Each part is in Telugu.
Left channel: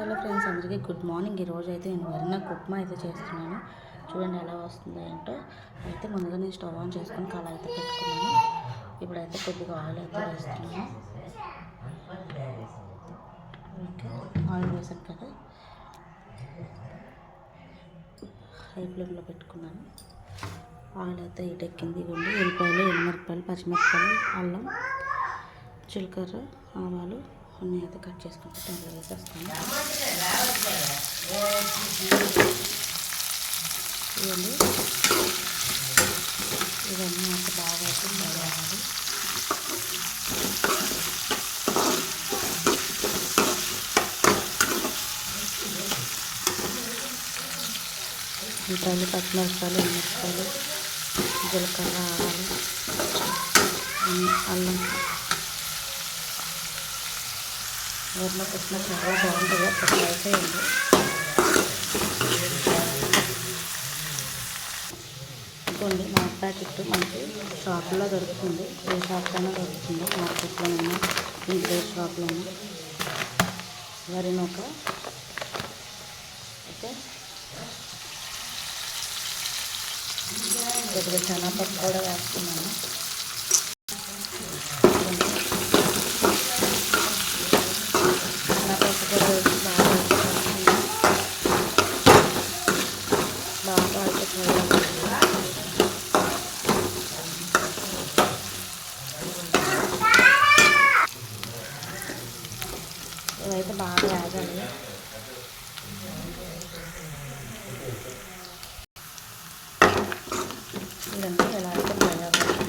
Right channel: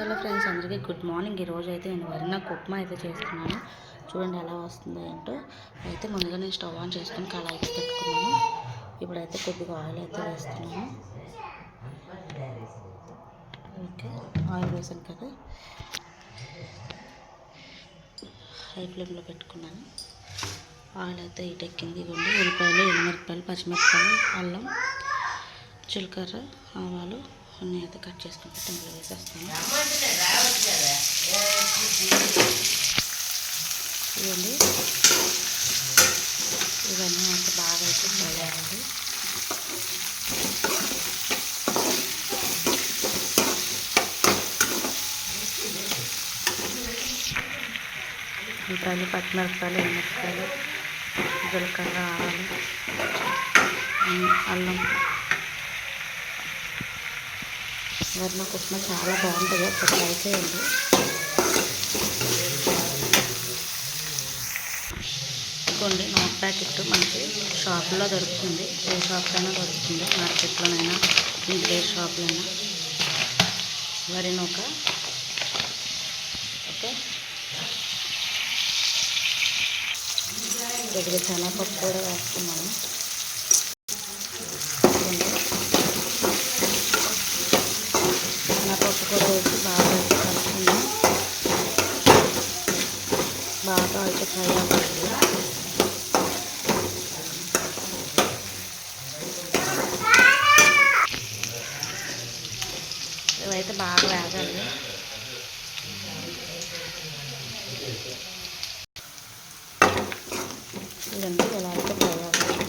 హలో ఫ్రెండ్స్ అందరికీ గుడ్ మార్నింగ్. ఈరోజు అయితే నేను వరిన ఉప్మా అయితే చేస్తున్నాను. చూడండి ఎలా వస్తుందో ఏంటో. అయితే ముందుగా నేను స్టవ్ ఆన్ చేసుకొని కళాయి అయితే పెట్టుకున్నాను. ఇప్పుడైతే కొద్దిగా ఆయిల్ అయితే వేస్తున్నాను. ఓకే ఆయిల్ వేసాను కదా. హై ఫ్లేమ్లో పెట్టుకున్నాను. ఆయిల్ అయితే ఇటెక్కింది ఇవ్వండి ఉల్లిపాయలు ఎనిమిరపాయలు పచ్చిమిరపాయలు అల్లం జీలకర్ర ఆవాలు కొన్ని అయితే కట్ చేసుకుని టెంపుల్ వేసేస్తాను ఇవ్వండి ఇవన్నీ అయితే బాగా అయితే వేయాలి ఉల్లిపాయలు పచ్చిమిరపకాయలు ఎండుమిరపకాయలు జీలకర్ర ఆవాలు అల్లం వరణ కుట్టిన చాలా బాగుంటుంది. ఒకటి ట్రై చేయండి. ఇదిగోండి నోట్ ప్యాకెట్ మనకి షాపులో దొరుకుతుంది. ఏ షాప్లో దొరుకుతుంది. మార్కెట్లోనైనా ఇంటి షాప్లో అయినా వరి నూక. ఓకే. దగ్గర పప్పు కూడా వేస్తున్నాను. శనగపప్పు కూడా వేసి బాగా అయితే కలుపుకుందాం బాగా అయితే ఫ్రై అవ్వాలి ఇవైతే బాగా వేగాలి ఇదంతా ఎలా అయితే ఫ్రై అవ్వాలి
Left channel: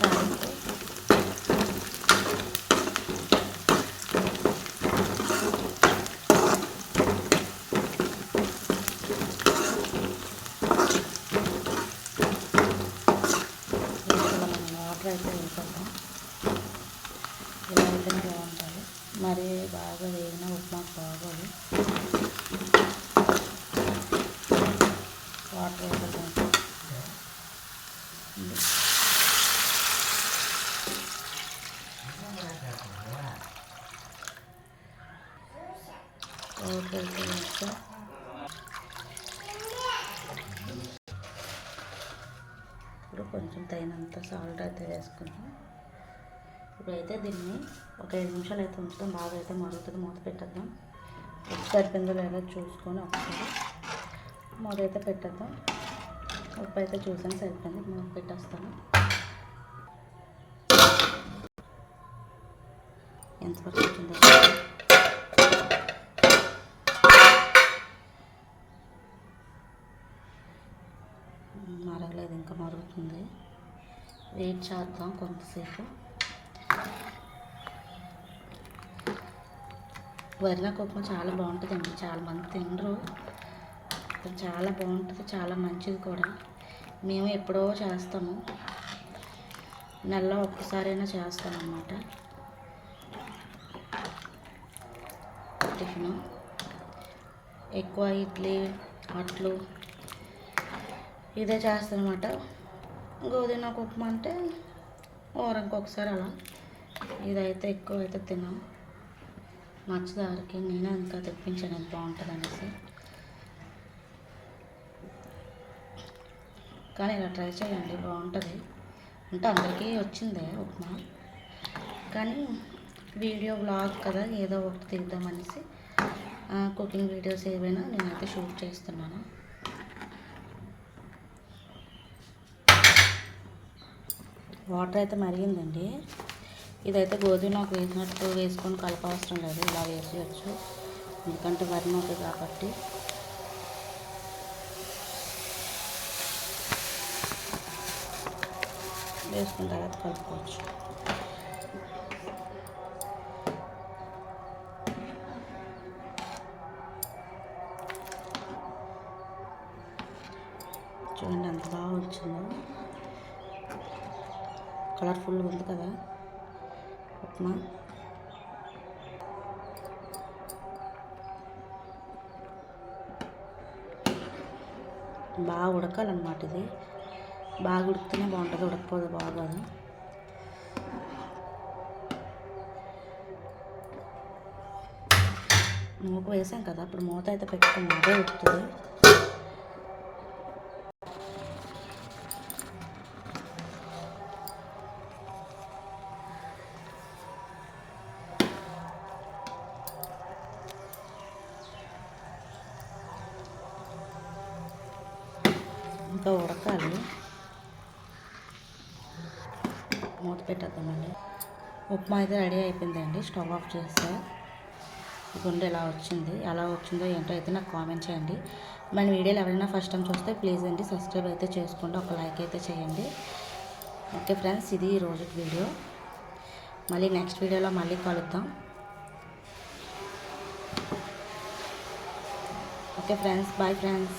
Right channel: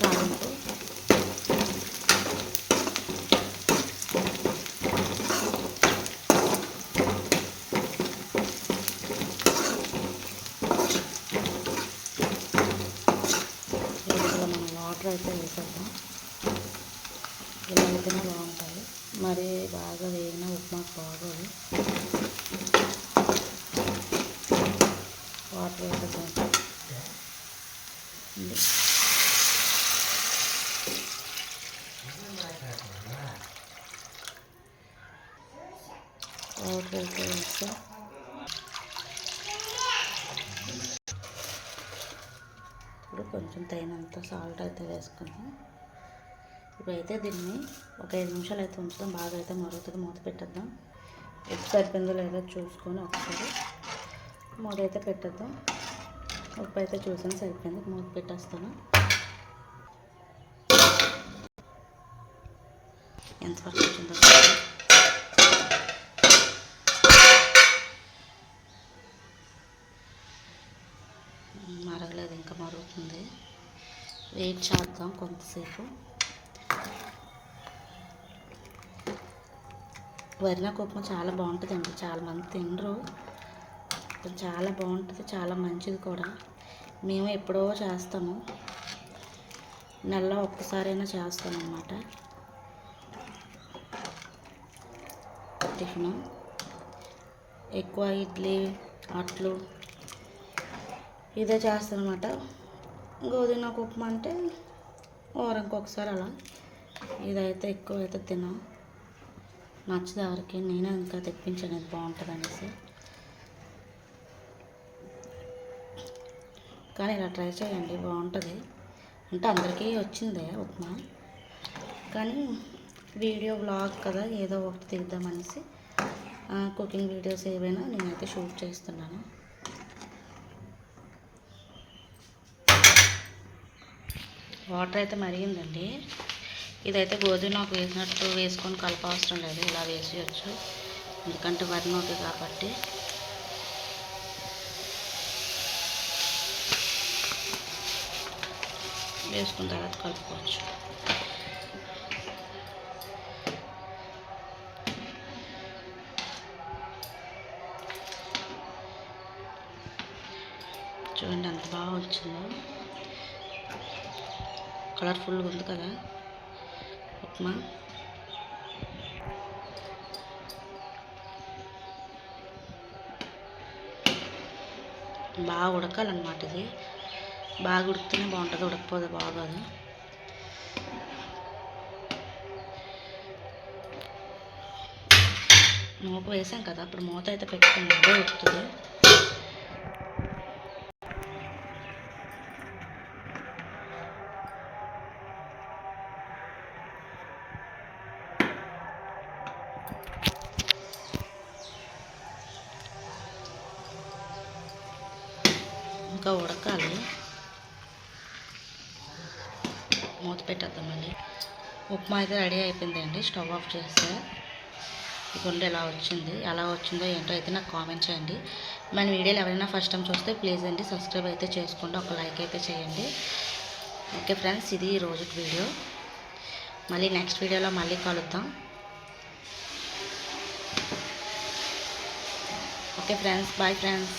తాలింపు దీంట్లో మనం వాటర్ అయితే వేసేద్దాం ఇలా బాగుంటుంది మరి బాగా వేగిన ఉప్మా బాగోదు వాటర్ వాటర్ వేస్తే ఇప్పుడు కొంచెం తగినంత సాల్ట్ అయితే వేసుకుంటాం ఇప్పుడైతే దీన్ని ఒక ఐదు నిమిషాలు అయితే ఉంచుతాం బాగా అయితే మరుగుతుంది. మూత పెట్టేద్దాం. ఉప్పు సరిపోయిందో లేదో చూసుకొని ఒకసారి మూత అయితే పెట్టేద్దాం. ఉప్పు అయితే చూసాను సరిపోయింది. మూత పెట్టేస్తాను. ఎంతవరకు వచ్చిందో మరగలేదు ఇంకా మరుగుతుంది. వెయిట్ చేద్దాం కొంతసేపు. వరిన ఉప్మా చాలా బాగుంటుందండి. చాలామంది తినరు. చాలా బాగుంటుంది. చాలా మంచిది కూడా. మేము ఎప్పుడో చేస్తాము. నెలలో ఒక్కసారైనా చేస్తామన్నమాట. టిఫిన్. ఎక్కువ ఇడ్లీ అట్లు. ఇదే చేస్తానమాట గోధుమ ఉప్మా అంటే వారానికి ఒకసారి అలా. ఇదైతే ఎక్కువ అయితే తినం నచ్చదు ఎవరికి నేను ఇంకా తెప్పించాను బాగుంటుంది అనేసి కానీ ఇలా ట్రై చేయండి బాగుంటుంది. అంటే అందరికీ వచ్చిందే ఉప్మా. కానీ వీడియో బ్లాగ్ కదా ఏదో ఒకటి తీద్దామనేసి కుకింగ్ వీడియోస్ ఏవైనా నేనైతే షూట్ చేస్తున్నాను. వాటర్ అయితే మరిగిందండి. ఇదైతే గోధుమ నాకు వేసినట్టు వేసుకొని కలప అవసరం లేదు. ఇలా వేసేయచ్చు. ఎందుకంటే వరి నోటి కాబట్టి. వేసుకున్న తర్వాత కలుపుకోవచ్చు. చూడండి ఎంత బాగా వచ్చిందో కలర్ఫుల్గా ఉంది కదా. ఉప్మా బాగా ఉడకాలన్నమాట ఇది. బాగా ఉడికితేనే బాగుంటుంది. ఉడకపోతే బాగోదు. మూత వేసాం కదా అప్పుడు మూత అయితే పెట్టుకుని అదే ఉడుతుంది ఇంకా ఉడకాలి. మూత పెట్టేద్దాం మళ్ళీ ఉప్మా అయితే రెడీ అయిపోయిందండి. స్టవ్ ఆఫ్ చేస్తే. గుండె ఎలా వచ్చింది. ఎలా వచ్చిందో ఏంటో అయితే నాకు కామెంట్ చేయండి. మన వీడియోలు ఎవరైనా ఫస్ట్ టైం చూస్తే ప్లీజ్ అండి సబ్స్క్రైబ్ అయితే చేసుకోండి ఒక లైక్ అయితే చేయండి. ఓకే ఫ్రెండ్స్ ఇది రోజుకి వీడియో. మళ్ళీ నెక్స్ట్ వీడియోలో మళ్ళీ కలుద్దాం. Okay friends bye friends.